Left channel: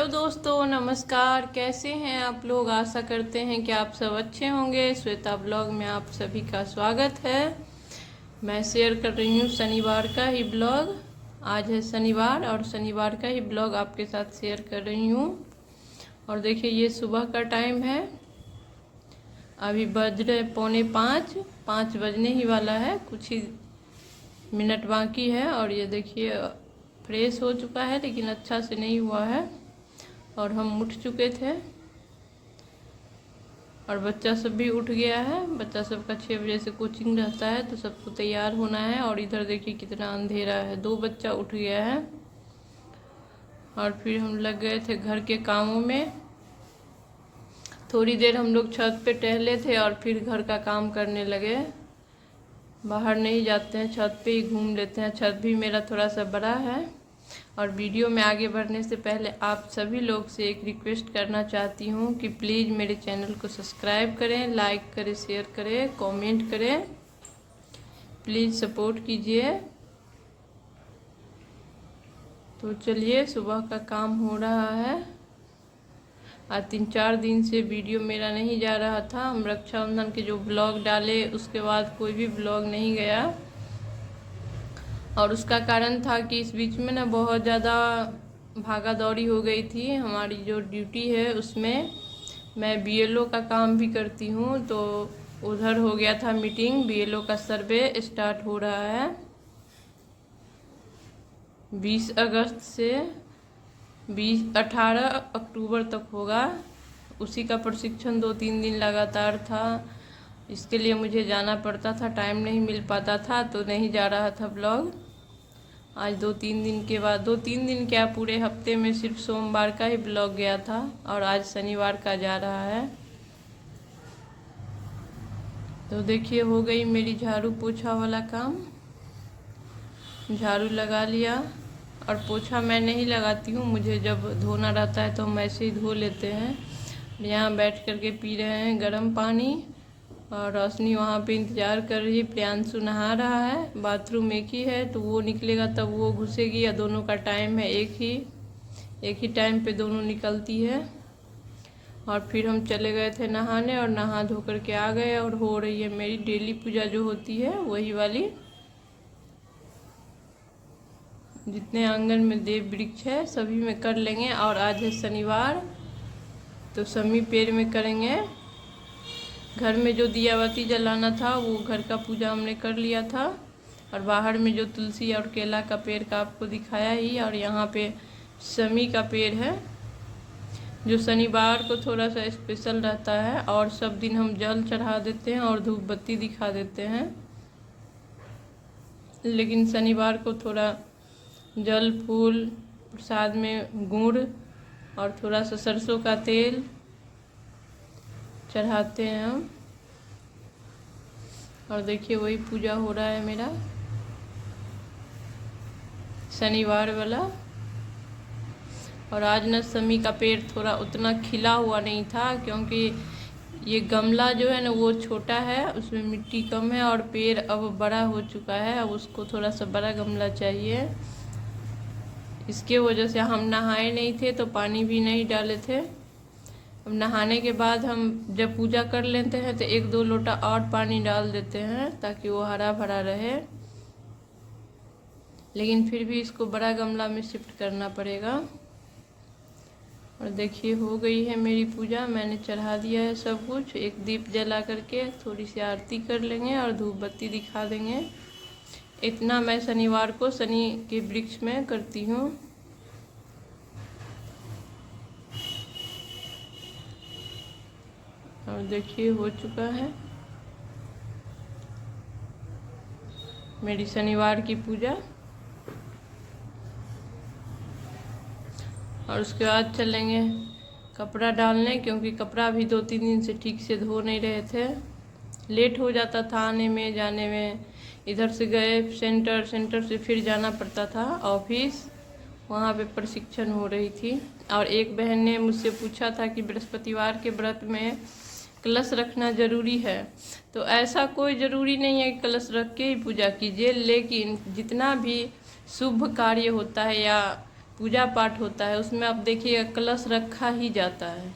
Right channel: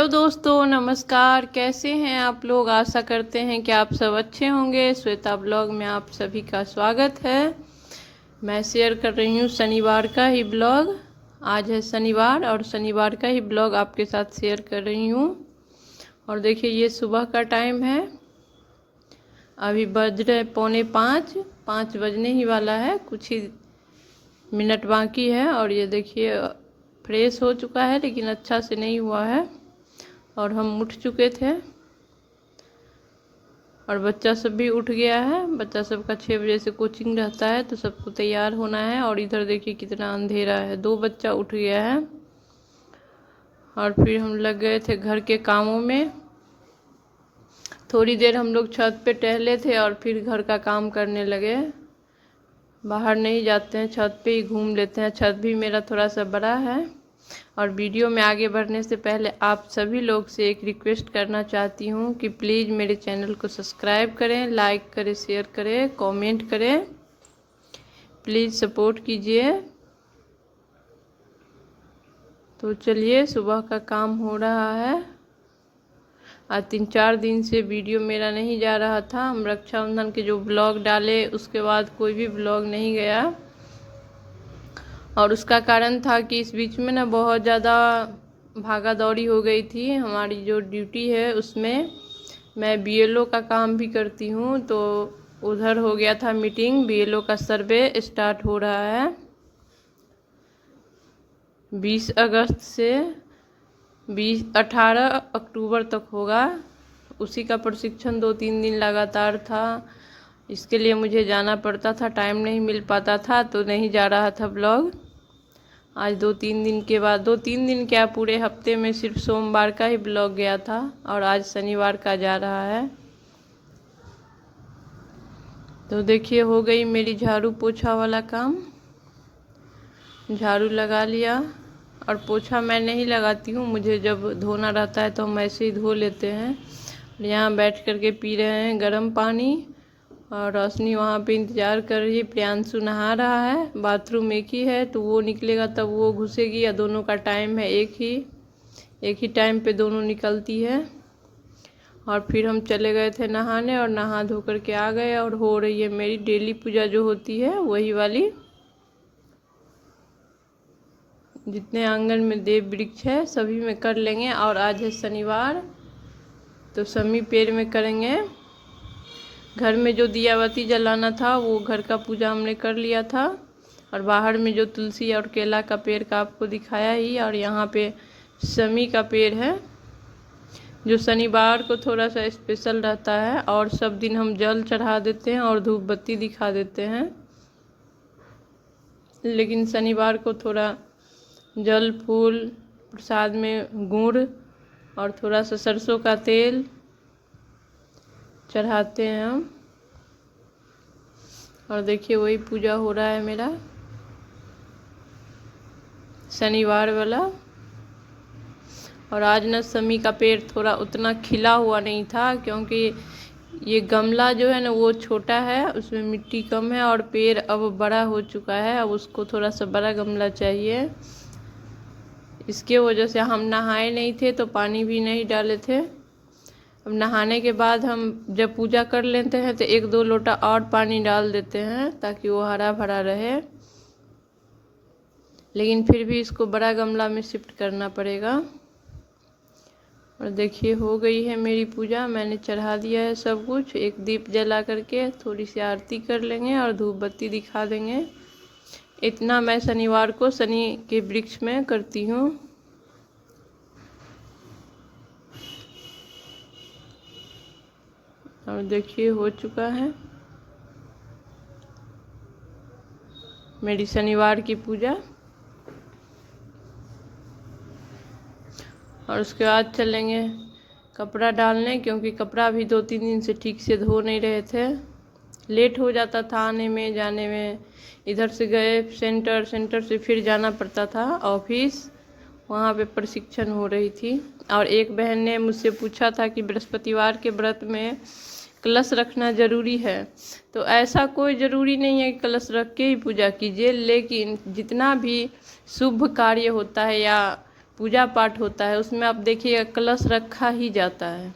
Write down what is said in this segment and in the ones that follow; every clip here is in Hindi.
हेलो दोस्तों, नमस्कार। कैसे हैं आप लोग? आशा करते हैं कि आप सब अच्छे होंगे। श्वेता ब्लॉग में आप सभी का स्वागत है। मैं शेयर कर रही हूँ शनिवार का ही ब्लॉग। आज है शनिवार और शनिवार का ही ब्लॉग आपके साथ शेयर कर रही हूँ। और देखिए, ये सुबह का टाइम है। अभी बज रहे 4:45 बजने ही वाला है, कुछ ही मिनट बाकी है। और ये देखिए, फ्रेश हो चुका है लेकिन अच्छा से नहीं हुआ है। और हम उठ चुके थे और बच्चा सब भी उठ गया है। बच्चा सब का 6 बजे से कोचिंग रहता है, तो सबको तैयार होना है। और इधर देखिए कितना अंधेरा है। 2 बच्चा उठ गया है और फिर हम लग गए थे घर के कामों में। थोड़ी देर हम लोग छत पे टहले थे और फिर घर का काम करने लगे। बाहर नहीं जाते हैं, छत पे ही घूम लेते हैं। छत भी मेरा थोड़ा सा बड़ा है। और वीडियो में आगे बढ़ने से पहले आप सभी लोग से एक रिक्वेस्ट करना चाहती हूँ कि प्लीज़ मेरे चैनल को सब्सक्राइब करें, लाइक करें, शेयर करें, कमेंट करें। प्लीज़ सपोर्ट कीजिए। तो चलिए, सुबह का काम हो रहा है। आज 3-4 दिन से वीडियो मेरा नहीं जा रहा था। हम रक्षाबंधन के जो ब्लॉग डाले उसके बाद कोई भी ब्लॉग नहीं गया। और उसका कारण था कि इस बीच में ना बहुत ज़्यादा भागा दौड़ी हो गई थी। हमारी जो ड्यूटी है उसमें मैं बीएलओ का काम भी करती हूँ, तो उधर हो गया था मीटिंग। बीएलओ का सर्वे स्टार्ट हो रहा है 20 अगस्त से 18 अक्टूबर तक होगा। उसी का प्रशिक्षण 2-3 दिन लगातार था। इसके लिए मुझे जाना पड़ता था, टाइम नहीं मिल पाता था, तो नहीं जा रहा था ब्लॉग। आज 2-3 दिन के बाद, 2-3 दिन क्या, पूरे हफ्ते में सिर्फ सोमवार का ही ब्लॉग गया था और आज शनिवार का जा रहा है। तो देखिए, हो गई मेरी झाड़ू पोछा वाला काम। झाड़ू लगा लिया। और पोछा मैं नहीं लगाती हूँ, मुझे जब धोना रहता है तो हम ऐसे ही धो लेते हैं। यहाँ बैठ करके पी रहे हैं गर्म पानी। और रोशनी वहाँ पे इंतज़ार कर रही है। प्रियांशु नहा रहा है। बाथरूम एक ही है, तो वो निकलेगा तब वो घुसेगी। या दोनों का टाइम है एक ही टाइम पे दोनों निकलती है। और फिर हम चले गए थे नहाने और नहा धो करके आ गए। और हो रही है मेरी डेली पूजा जो होती है वही वाली। जितने आंगन में देव वृक्ष है सभी में कर लेंगे। और आज है शनिवार, तो समी पेड़ में करेंगे। घर में जो दियावती जलाना था वो घर का पूजा हमने कर लिया था। और बाहर में जो तुलसी और केला का पेड़ का आपको दिखाया ही। और यहाँ पे समी का पेड़ है, जो शनिवार को थोड़ा सा स्पेशल रहता है। और सब दिन हम जल चढ़ा देते हैं और धूप बत्ती दिखा देते हैं, लेकिन शनिवार को थोड़ा जल, फूल, प्रसाद में गुड़ और थोड़ा सा सरसों का तेल चढ़ाते हैं हम। और देखिए, वही पूजा हो रहा है मेरा शनिवार वाला। और आज न समी का पेड़ थोड़ा उतना खिला हुआ नहीं था, क्योंकि ये गमला जो है ना वो छोटा है, उसमें मिट्टी कम है। और पेड़ अब बड़ा हो चुका है, अब उसको थोड़ा सा बड़ा गमला चाहिए। इसके वजह से हम नहाए नहीं थे तो पानी भी नहीं डाले थे। अब नहाने के बाद हम जब पूजा कर लेते हैं तो 1-2 लोटा और पानी डाल देते हैं ताकि वो हरा भरा रहे। लेकिन फिर भी इसको बड़ा गमला में शिफ्ट करना पड़ेगा। और देखिए, हो गई है मेरी पूजा। मैंने चढ़ा दिया है सब कुछ। एक दीप जला करके थोड़ी सी आरती कर लेंगे और धूप बत्ती दिखा देंगे। इतना मैं शनिवार को शनि के वृक्ष में करती हूँ। और देखिए, हो चुका है मेरी शनिवार की पूजा। और उसके बाद चलेंगे कपड़ा डालने, क्योंकि कपड़ा भी 2-3 दिन से ठीक से धो नहीं रहे थे। लेट हो जाता था आने में जाने में। इधर से गए सेंटर से फिर जाना पड़ता था ऑफिस, वहाँ पे प्रशिक्षण हो रही थी। और एक बहन ने मुझसे पूछा था कि बृहस्पतिवार के व्रत में कलश रखना ज़रूरी है। तो ऐसा कोई ज़रूरी नहीं है कि कलश रख के ही पूजा कीजिए, लेकिन जितना भी शुभ कार्य होता है या पूजा पाठ होता है उसमें आप देखिएगा कलश रखा ही जाता है।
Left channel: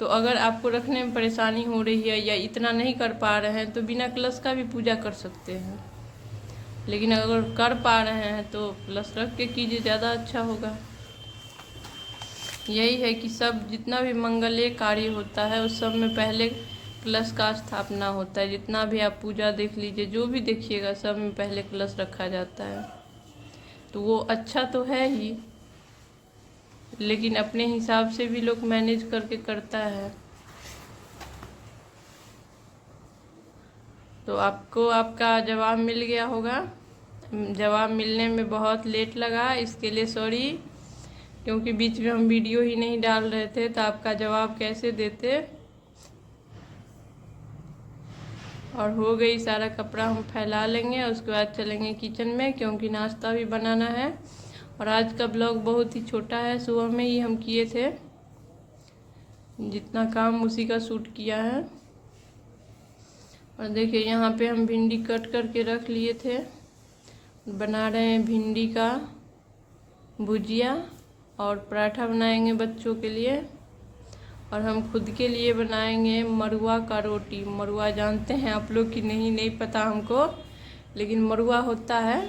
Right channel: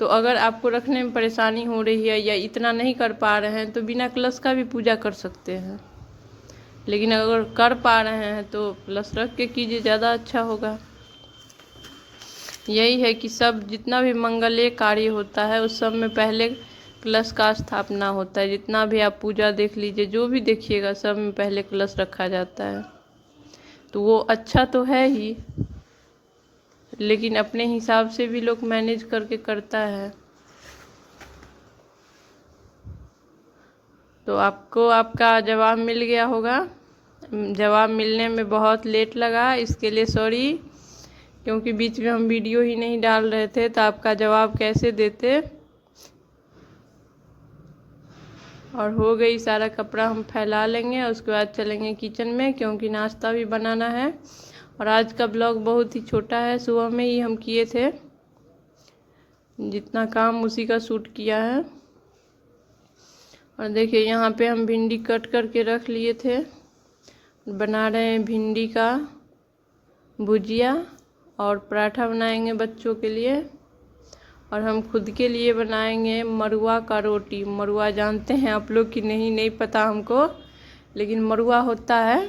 तो अगर आपको रखने में परेशानी हो रही है या इतना नहीं कर पा रहे हैं तो बिना कलश का भी पूजा कर सकते हैं, लेकिन अगर कर पा रहे हैं तो कलश रख के कीजिए, ज़्यादा अच्छा होगा। यही है कि सब जितना भी मंगलीय कार्य होता है उस सब में पहले कलश का स्थापना होता है। जितना भी आप पूजा देख लीजिए, जो भी देखिएगा, सब में पहले कलश रखा जाता है। तो वो अच्छा तो है ही, लेकिन अपने हिसाब से भी लोग मैनेज करके करता है। तो आपको आपका जवाब मिल गया होगा। जवाब मिलने में बहुत लेट लगा, इसके लिए सॉरी, क्योंकि बीच में हम वीडियो ही नहीं डाल रहे थे तो आपका जवाब कैसे देते। और हो गई, सारा कपड़ा हम फैला लेंगे और उसके बाद चलेंगे किचन में, क्योंकि नाश्ता भी बनाना है। और आज का ब्लॉग बहुत ही छोटा है, सुबह में ही हम किए थे, जितना काम उसी का शूट किया है। और देखिए यहाँ पे हम भिंडी कट करके रख लिए थे, बना रहे हैं भिंडी का भुजिया और पराठा बनाएंगे बच्चों के लिए, और हम खुद के लिए बनाएंगे मरुआ का रोटी। मरुआ जानते हैं आप लोग कि नहीं, नहीं पता हमको, लेकिन मरुआ होता है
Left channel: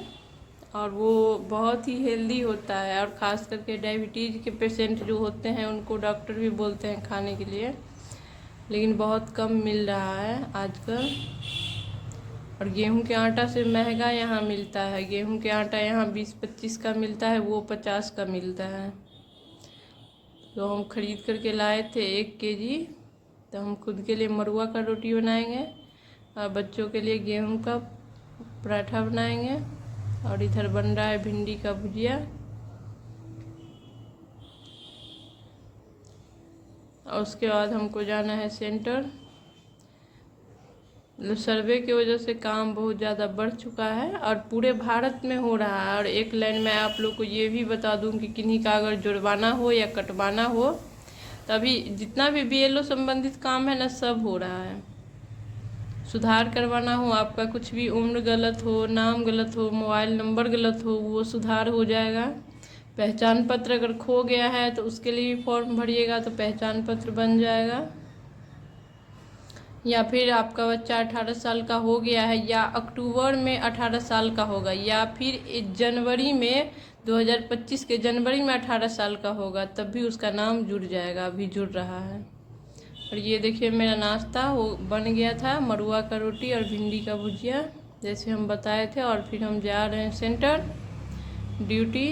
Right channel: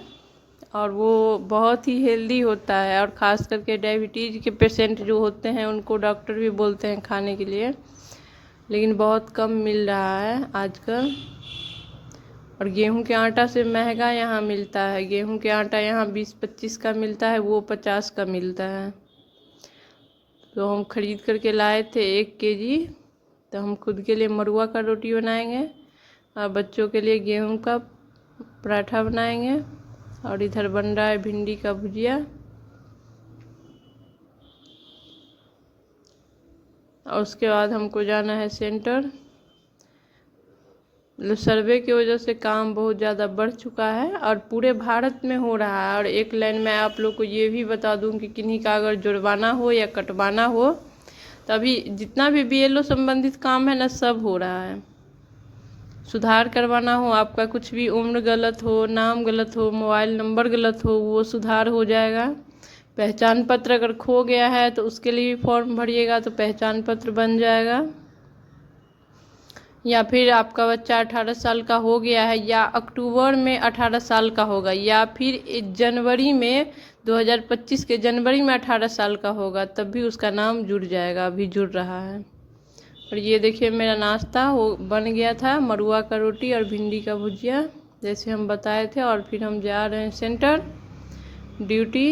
और वो बहुत ही हेल्दी होता है। और ख़ास करके डायबिटीज़ के पेशेंट जो होते हैं उनको डॉक्टर भी बोलते हैं खाने के लिए, लेकिन बहुत कम मिल रहा है आजकल। और गेहूं के आटा से महंगा यहाँ मिलता है। गेहूं के आटा यहाँ 20-25 का मिलता है, वो 50 का मिलता है। तो हम खरीद करके लाए थे 1 केजी। तो हम खुद के लिए मरुआ का रोटी बनाएंगे और बच्चों के लिए गेहूं का पराठा बनाएंगे। और इधर बन रहा है भिंडी का भुजिया। और उसके बाद हमको जाना है सेंटर। सर्वे की वजह से काम बहुत ज़्यादा बढ़ चुका है और पूरे भारत में हो रहा है। और एक लाइन में आप लोग को ये भी बता दूं कि किन्हीं का अगर जुर्माना हो या कटवाना हो, तभी जितना भी BLO संबंधित काम है ना, सब हो रहा है। सुधार करवाना हो, आपका कुछ भी उम्र गलत हो, नाम गलत हो, मोबाइल नंबर गलत हो, वो सुधार हो जाएगा। पहचान पत्र अगर खो गया है तो उसके लिए फॉर्म भरिएगा तो पहचान पत्र बन जाएगा। या फिर आपका बच्चा 18 साल का हो गया है या अक्टूबर में 18 साल का होगा, या फिर जनवरी में 2025 के जनवरी में 18 साल का होगा, तब भी उसका नाम जुड़ जाएगा। अभी जुड़ रहा है। और ये देखिए मेरा नाश्ता वो बन गया था, मरुआ का रोटी और भिंडी का भुजिया, जैसे हम बताए थे। और फिर हम जा रहे हैं सेंटर ड्यूटी।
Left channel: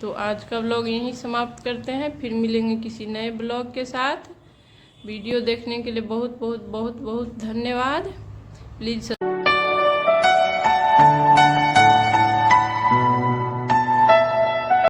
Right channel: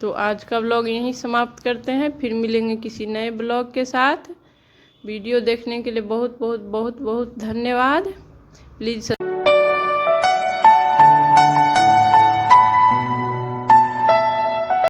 तो आज का ब्लॉग यहीं समाप्त करते हैं, फिर मिलेंगे किसी नए ब्लॉग के साथ। वीडियो देखने के लिए बहुत बहुत बहुत बहुत धन्यवाद। प्लीज़